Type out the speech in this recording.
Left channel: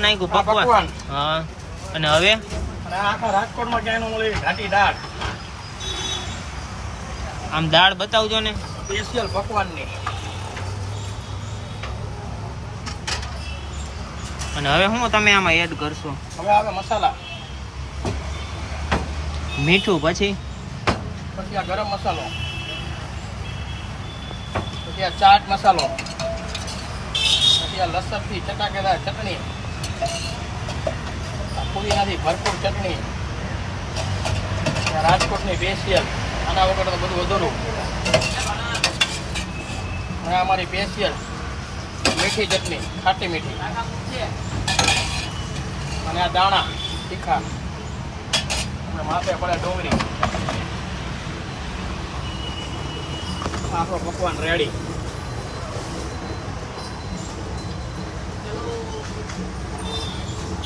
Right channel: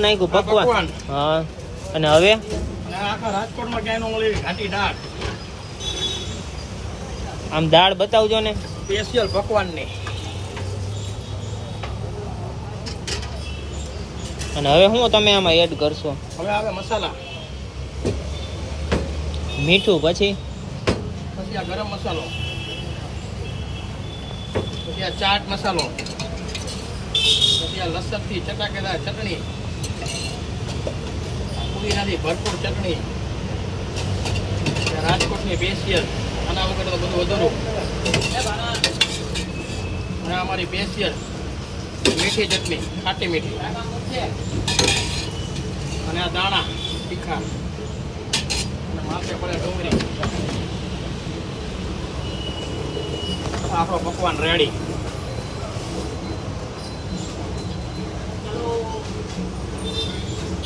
નાખ્યું પકવાન. હા. અને હવે? આખા રાજકોટમાં ક્યાંય મળી ઘાટી દાળ. આમ દાળ બતાવજો ને. સ્પેશિયલ પકવાનની. અને હવે શું તમે આમાં એડ કરશો? હવે આવે મસાલા. મીઠું પછી? પછી આ ગરમ મસાલો. પછી આ ચાટ મસાલો. પછી આ લસણથી ચટાકેલા ચટણી. પુદીનાથી ભરપૂર ચટણી. રાજકોટની સ્પેશિયલ આના વગર તો બધું અધૂરું. અને અમારી સ્પેશિયલ મીઠી ચટણી, ખાટી મીઠી. અને આ દાણા, તીખા. અને માથે પડે ડુંગળી. આપણો પકવાન રેડી